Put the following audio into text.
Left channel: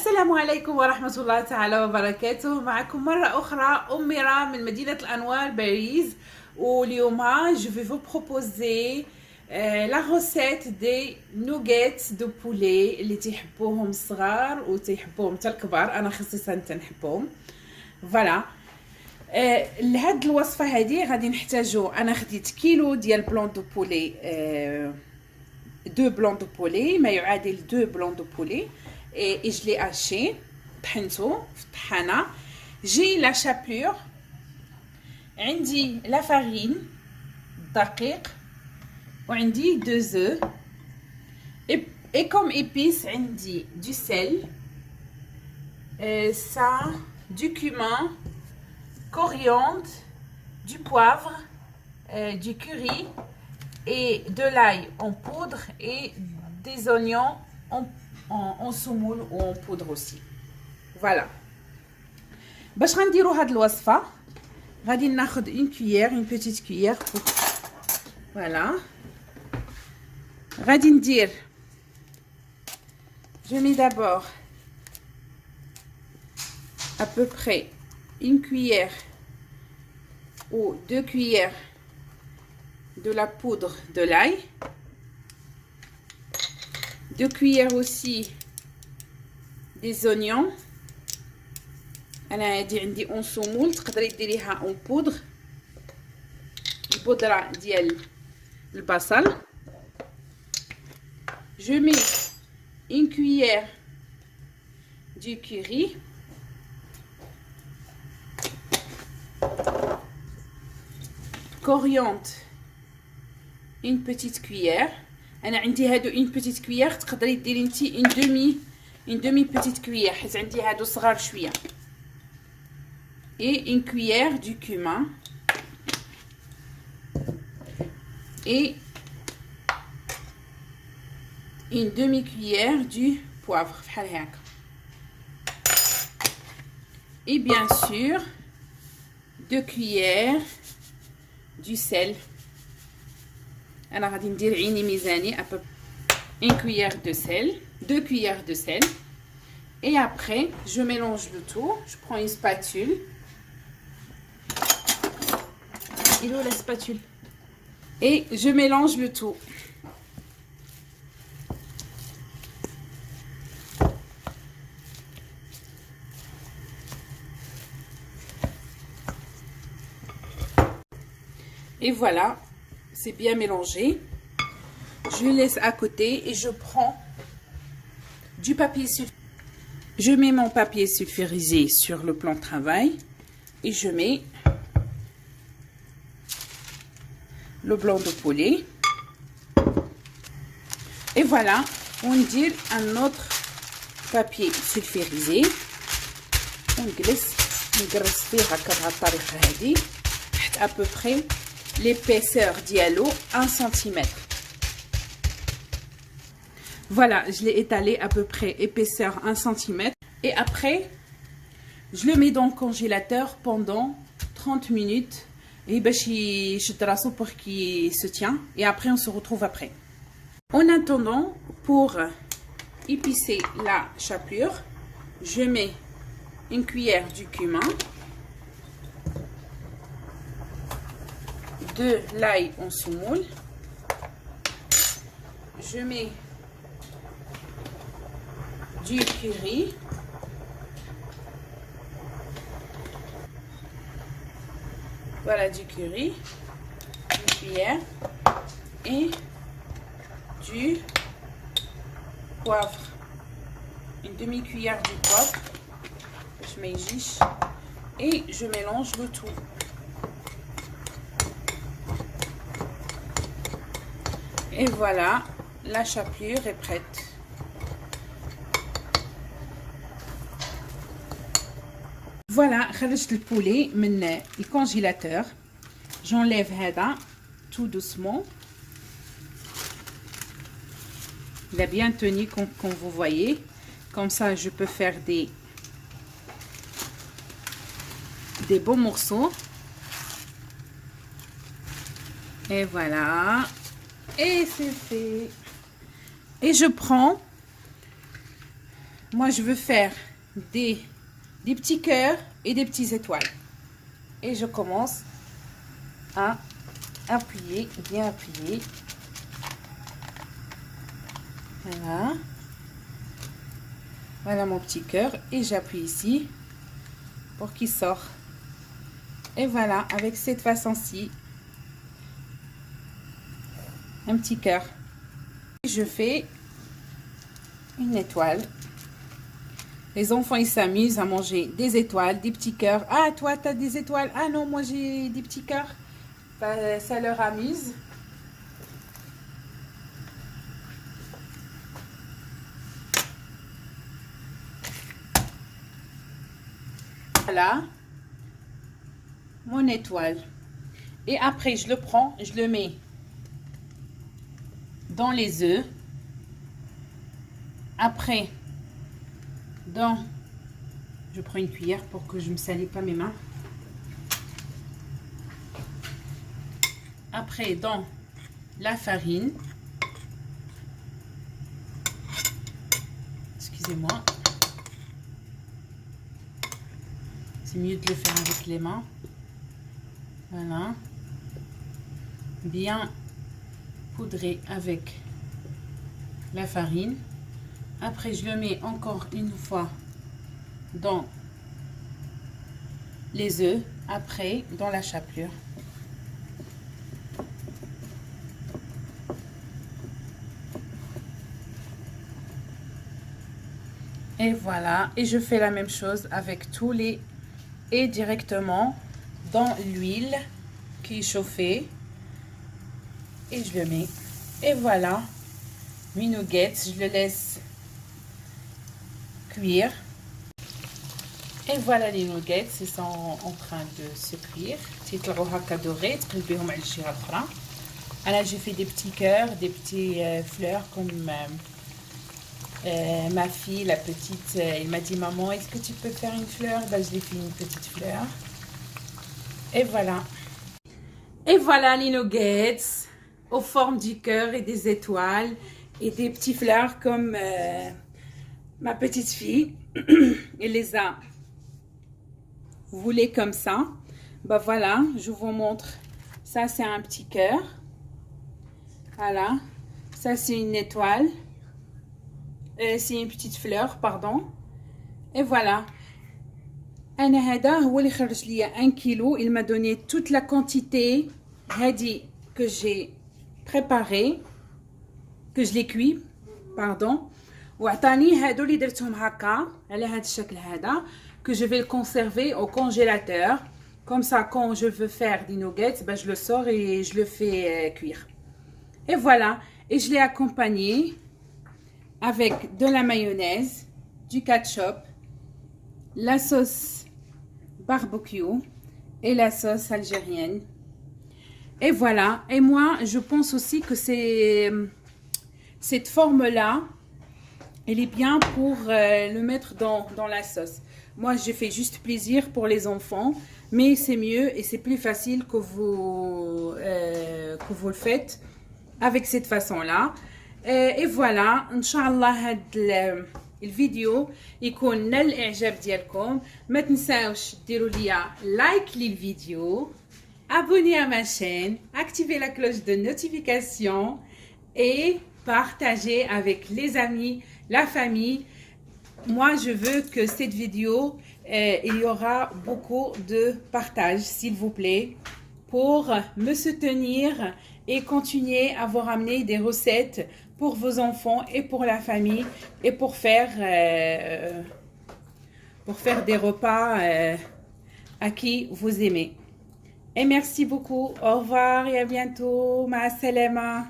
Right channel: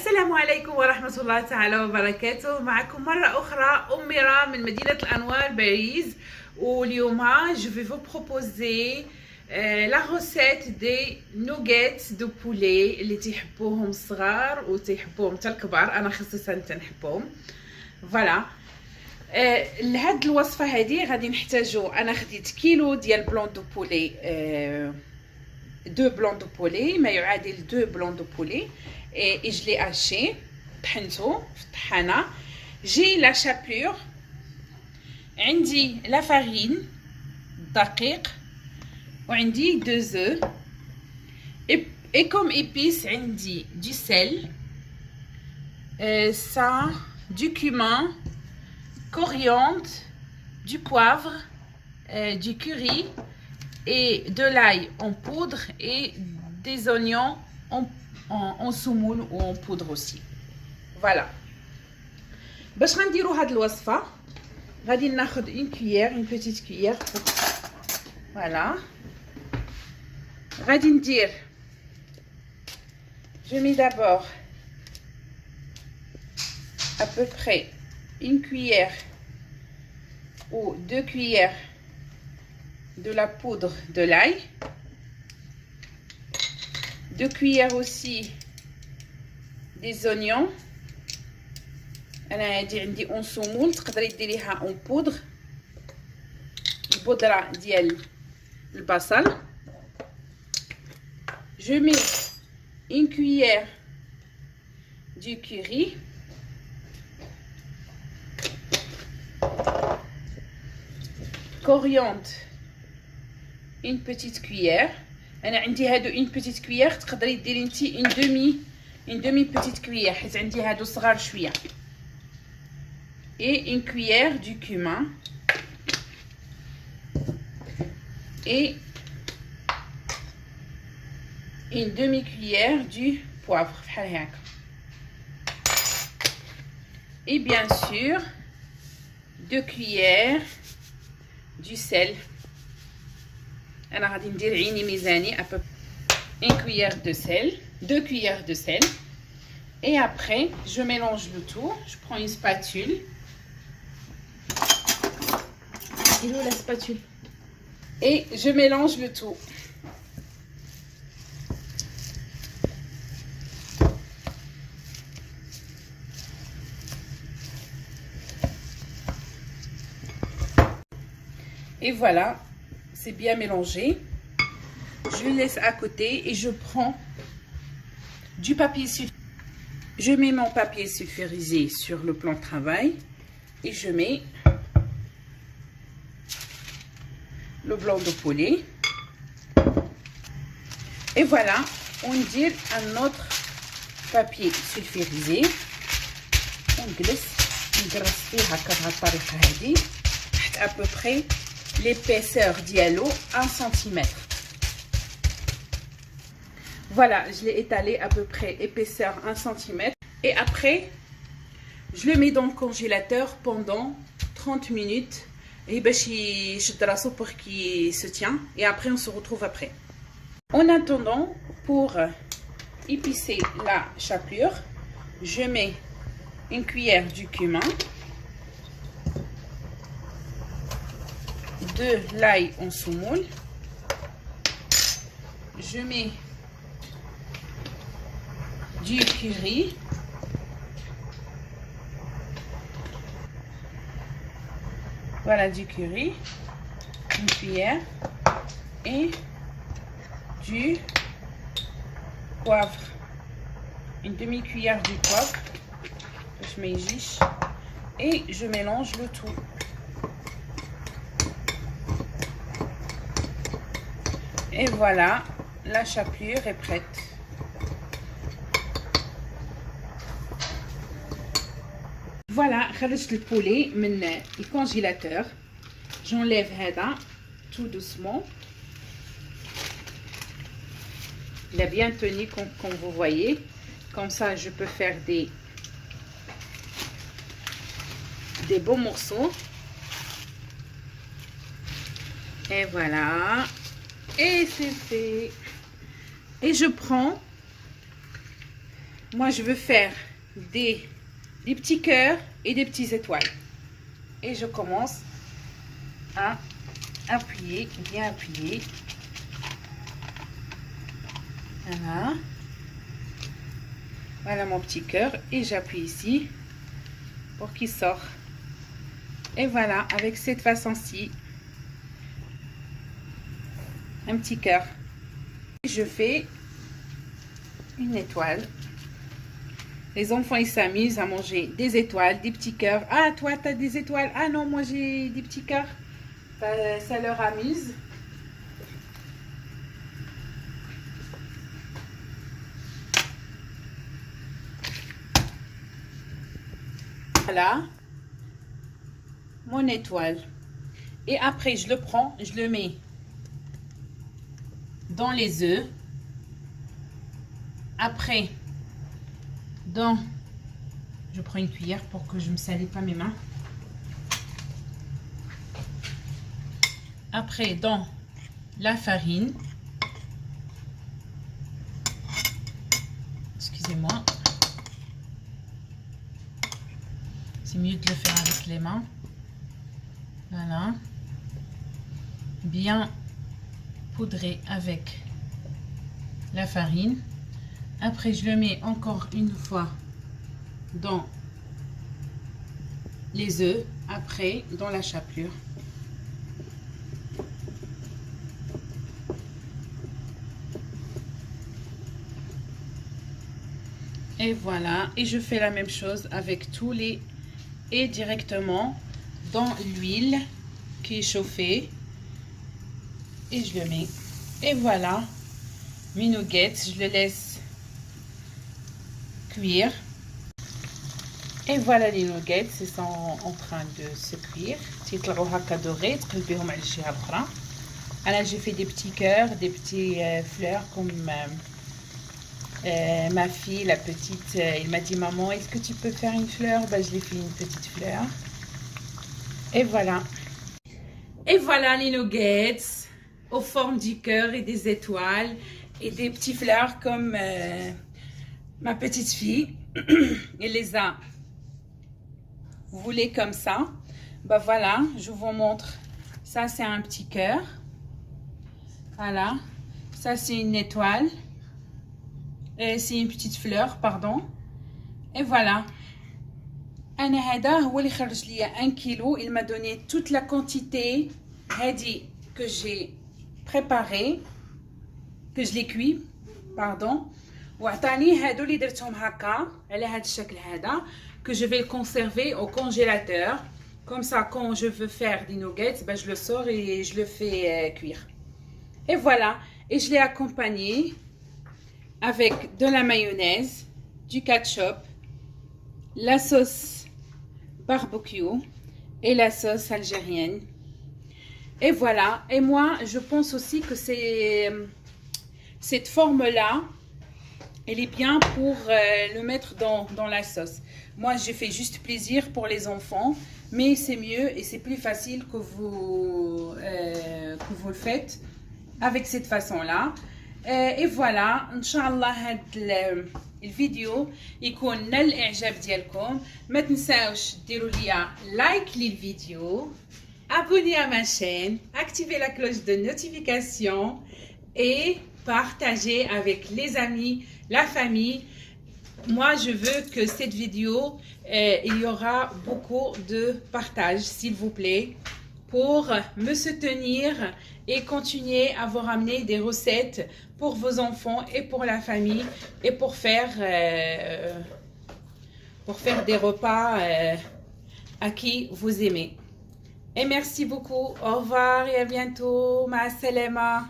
السلام عليكم ورحمة الله تعالى وبركاته. معكم مرة أخرى أميرة من مدينة الأنوار باريس. واليوم je vais vous proposer la recette des nuggets de poulet اللي تيحبوهم الصغار وتيحبوهم حتى الكبار. أنا خصيصا تنحبهم. فوالا لهاد الوصفة هذه غادي نحتاجو، أنا خديت كيلو ديال بلون دو بولي، دو بلون دو بولي ما يعادل دو بلون دو بولي et je l'ai haché طحنته في الطحانة. جي لا شابلور، عندي لا فارين الدقيق، وعندي دو زو et comme épices عندي du sel, ça, du cumin, coriandre, du poivre, du curry et de l'ail en poudre et des oignons en semoule ou en poudre aussi. Voilà. باش غنديروا هاد الوصفه غادي ناخذ une cuillère, une petite cuillère pour... voilà. غادي ندير، je mets d'abord à peu près une cuillère ou 2 cuillères de la poudre de l'ail, 2 cuillères aussi des oignons. انا هادي عندي اون سومول، تقدري ديريها اون بودر، البودره ديال البصل. je mets une cuillère du curry, coriandre une petite cuillère. انا عندي هادو une petite cuillère، تقدري ديري نتي une demi petite cuillère حيت عندي هادو صغار شويه. et une cuillère du cumin et une demi-cuillère du poivre et bien sûr 2 cuillères du sel. انا غادي ندير عيني ميزاني à peu une cuillère de sel, 2 cuillères de sel. Et après je mélange le tout. Je prends une spatule. Il est où la spatule? Et je mélange le tout. Et voilà, c'est bien mélangé. Je laisse à côté et je prends du papier sulfurisé. Je mets mon papier sulfurisé sur le plan de travail et je mets le blanc de poulet. Et voilà, on dit un autre papier sulfurisé. On glisse à peu près l'épaisseur dialo 1 cm. Voilà, je l'ai étalé à peu près épaisseur 1 cm. Et après, je le mets dans le congélateur pendant 30 minutes. Et pour qu'il se tient. Et après, on se retrouve après. En attendant, pour épicer la chapelure, je mets une cuillère du cumin, de l'ail en semoule, je mets du curry, voilà, du curry, une cuillère, et du poivre, une demi-cuillère du poivre. Je mets juste et je mélange le tout. Et voilà, la chapelure est prête. Voilà, خرجت البولي من الكونجيلاتور. J'enlève هذا tout doucement. Il a bien tenu comme vous voyez. Comme ça, je peux faire des beaux morceaux. Et voilà. Et c'est fait. Et je prends moi je veux faire des petits cœurs et des petites étoiles. Et je commence à appuyer, bien appuyer. Voilà. Voilà mon petit cœur. Et j'appuie ici pour qu'il sorte. Et voilà, avec cette façon-ci, un petit cœur. Je fais une étoile. Les enfants, ils s'amusent à manger des étoiles, des petits cœurs. Ah, toi, tu as des étoiles. Ah non, moi, j'ai des petits cœurs. Ça leur amuse. Voilà. Mon étoile. Et après, je le prends, je le mets dans les œufs. Après, je prends une cuillère pour que je ne me salis pas mes mains. Après, dans la farine. Excusez-moi. C'est mieux de le faire avec les mains. Voilà. Bien poudré avec la farine. Après, je le mets encore une fois dans les œufs. Après, dans la chapelure. Et voilà. Et je fais la même chose avec tous les... Et directement dans l'huile qui est chauffée. Et je le mets. Et voilà. Mes nuggets. Je le laisse cuire. Et voilà les nuggets. Ils sont en train de se cuire. Alors j'ai fait des petits cœurs, des petits fleurs comme ma fille, la petite, il m'a dit maman, est-ce que tu peux faire une fleur? Ben, je l'ai fait une petite fleur. Et voilà. Et voilà les nuggets aux formes du cœur et des étoiles et des petites fleurs comme ma petite fille. Elle les a voulu comme ça. Ben voilà, je vous montre. Ça c'est un petit cœur. Voilà. Ça c'est une étoile. C'est une petite fleur, pardon. Et voilà. أنا هذا هو اللي خرج لي 1 كيلو. Il m'a donné toute la quantité هذه que j'ai préparé, que je l'ai cuit, pardon. وعطاني هادو اللي درتهم هكا على هذا الشكل هذا, que je vais le conserver au congélateur. Comme ça, quand je veux faire des nuggets, ben, je le sors et je le fais cuire. Et voilà. Et je l'ai accompagné avec de la mayonnaise, du ketchup, la sauce barbecue et la sauce algérienne. Et voilà. Et moi, je pense aussi que cette forme-là, elle est bien pour le mettre dans la sauce. Moi, j'ai fait juste plaisir pour les enfants, mais c'est mieux et c'est plus facile que vous le faites avec cette façon-là. Et voilà, Inch'Allah, هاد الفيديو يكون نال الإعجاب ديالكم. ما تنساوش ديروا ليا لايك للفيديو, abonnez à ma chaîne, activez la cloche de notification et partagez avec les amis, la famille. Moi, je veux que cette vidéo, il y aura beaucoup de partage, s'il vous plaît, pour me soutenir et continuer à vous ramener des recettes pour vos enfants et pour la famille et pour faire des repas à qui vous aimez. Et merci beaucoup. Au revoir et à bientôt. Ma salama.